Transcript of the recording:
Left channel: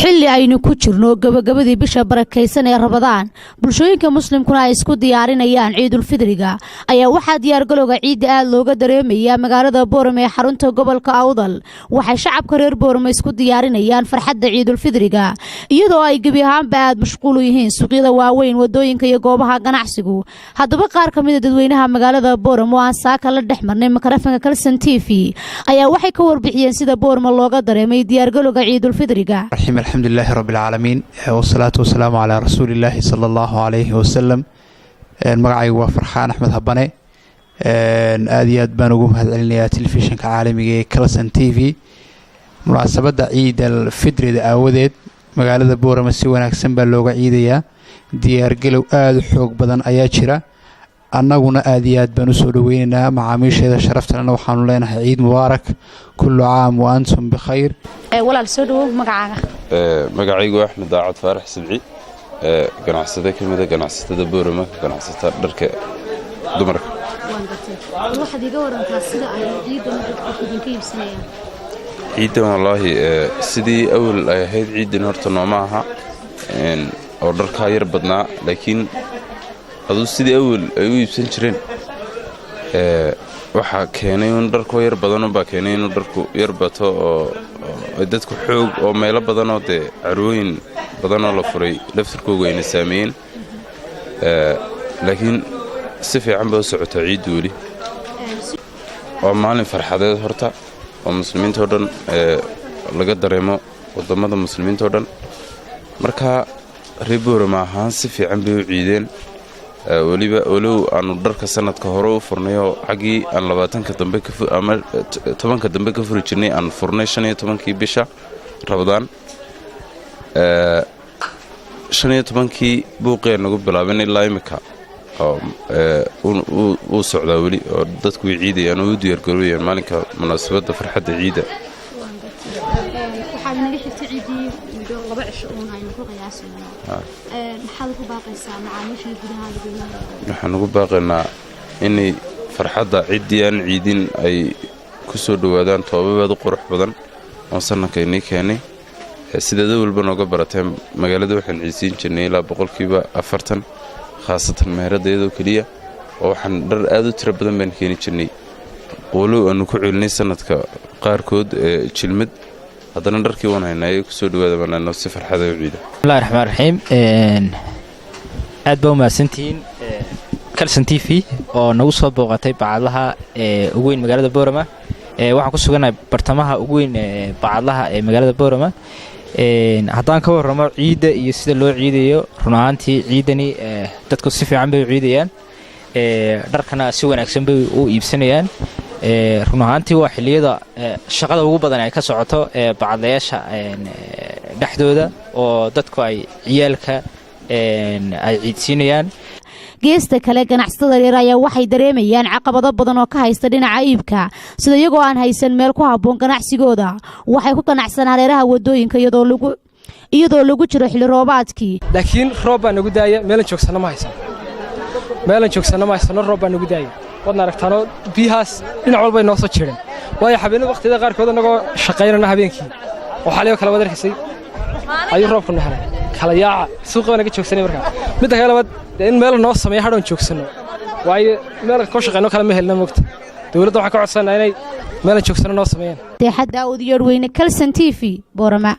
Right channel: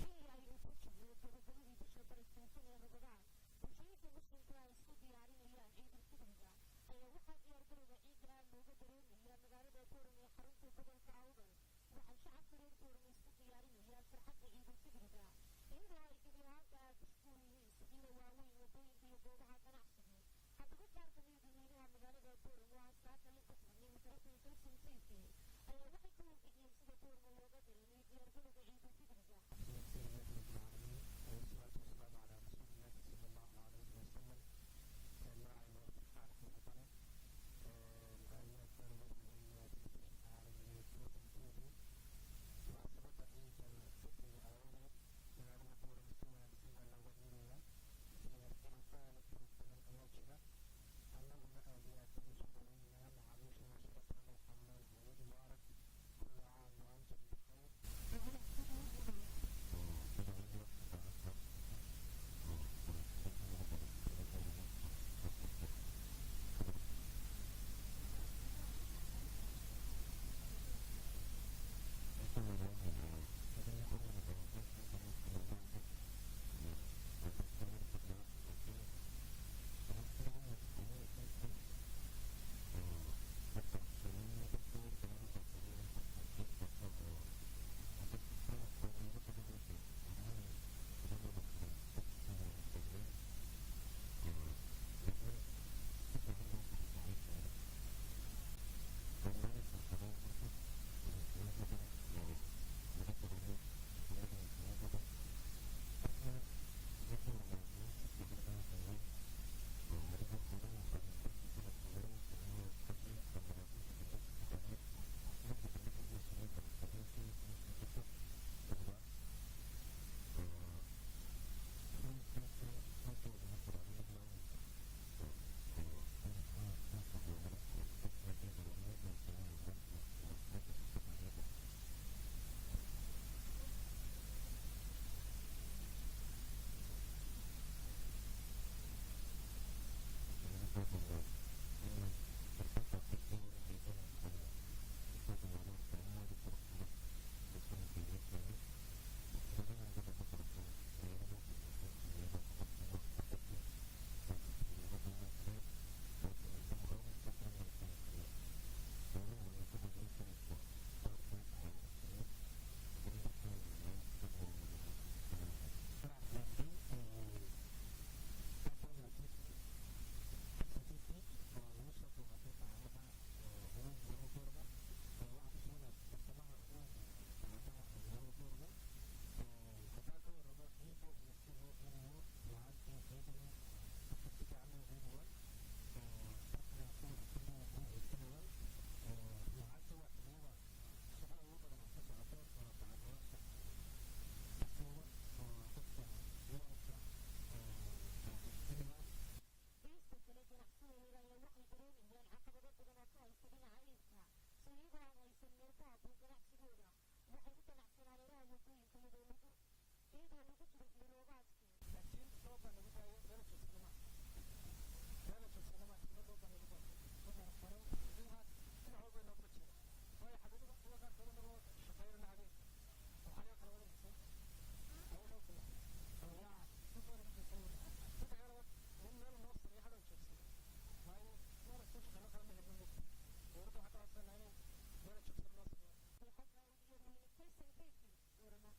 xilli aynu ku jirno gabagabadii bisha barakeysan ee Ramadaan bulshooyinka muslimkuna ay isku diyaarinayaan Ciidul Fidriga ayaa waxa diyaar galowga ciid aad looga dareemayaa magaalada Boorame ee xarunta gobolka Awdal waxay shacabka reer Boorame isku diyaarinayaan farxadda Ciidul Fidriga iyadoo ay gabi ahaanba aad mashquul u yihiin suuqyada waaweyn wadooyinka iyo goobaha ganacsigu haddaba qaar ka mid ah dadweynaha magaalada Boorame oo aan saaka la dhexmarnay makarafanka Kalsan TV ayaa waxay ka warbixiyeen sida Boorame looga dareemay diyaar galowga Ciidul Fidriga الحمد لله رب العالمين والصلاة والسلام على رسول الله صلى الله عليه وسلم مقعي وفرحان أحمد هباني آديات بانوغو مهدعلنيا تلفزيون كعالمي كلسن تي في مناسبة عيد الفطر دا آوديد مقالة بورما سيوانا كسنبا لوغا عيديا ديار قلو آد حوق بدن آياتشرا annaguna aad iyo aad baan u soo dhaweynaa macaamiisheeda sharafta waxaanu leenahay ciid mubaarak kullu caam wa antum bikhayr walaal soo dhawo magacaaga magacaygu Axmed Daacad Faarax Sidci ganacsade kamid ah ganacsatada Boorama ganacsata dharka dumarka waxaad iga warantaa sida ay ciidan dadku idinka iibsanayaan ciidan wallahi sidii awal ay ahayd ciidan horta nooma aha oo dharka yar badnaa laakiin aduu sidii awal ay u iibsan jireen waxa keenay in dharku yar badan baa keenay in dharku yar bato oo dadku xoog oo meelo badan oo carwooyin badan oo la furay laftirkooda ay saameeyeen laakiin si fiican baa socota ciid wali oo maalin farxadeed horta oo muslimiinta oo dhan laga dareemo wadamada muslimiinta oo dhan marka reer Boorama ahaan si fiican bay u ciideen waliba walow aanu dharka sanadka hore u furnayo xaqii aan 20ka dambe ama 10ka dambe ka furi jirnay aan furnay 15kii bisha Ramadaan 15kii buuqeen nagu bilaabeen ilaa imika oo socdaa wali oo dadku ciidayaan oo u diyaar garoobeen maalinka munaasabada farxadda ciida waxaan naga xigtay ciidii muddo 2 cisho oo aynu ku qiyaasayno maxaad ku baaqaysaa macaamiisha gudaha dadweynaha waxaan ugu baaqaynaa in farxadda ciidii aan ciidin ay ku soo dhawaadaan toobabaad qurux badan oo sanadkeenii keenay sidoo walba nooga barateen magaalada waxaan ciisiin jirnay ilaa 40% khaasatan meeradeedo kaliya oo waxaan dhar aad u tiro badan baan keenin jirnay walow aanu ku celinay sanadka qaarkood jilmad haddana dharkii waan haynay ku soo dhawaada banaano si farxad ah u ciida bismillahir rahmaanir rahiim aad baa maasantiin Kalsan TV oo nagu soo booqatay bacadlaha ugu weyn magaalada Boorama waxaan ku suganahay bartamaha ugu weyn bacadlaha ee magaalada Boorama haddaan ka warramo ciida iyo sida loo ciidayo run ahaantii ciidani dadku si fiican bay u ciidayaan dharkana si wanaagsan bay u iibsanayaan run ahaantii waa xilliyada shaqada ugu badan ay ka socoto bacadlayaasha dhexdooda oo dadku ay ciyaalka ay ciidsiinayaan geesta kale ganacsatada yaryar ayaa waxay dareemayaan caqabado badan oo ka haysta dhinaca iibka sida iyagoo aan haysan meel ku habboon ganacsigooda waxay ku ganacsanaan hareeraha wadooyinka iyadoo lagu jiro xilli roobaadkii laakiin roob baa nagu daaya meelan joogsana ma haysan roob baa nagu daaya wadna aragtaano biyahaas dhinac walba ay noo soo jireen waayo habeenada waqtiyada qaarkood anagoo shaqaynana habeenkii oo xaliyo kala wada arkisay ayuu roobku nahay kala yaaca suuqa naga joogsanay markaa midda kale wad in meel noo sameeyo hadhoon joogsano waayo meel ka shaqeyno kala ma helna moogta dawladda waxa ka codsanaa inay meel joogsano noo sameeyaan deexada Daawud Yarweyne Kalsan TV Boorama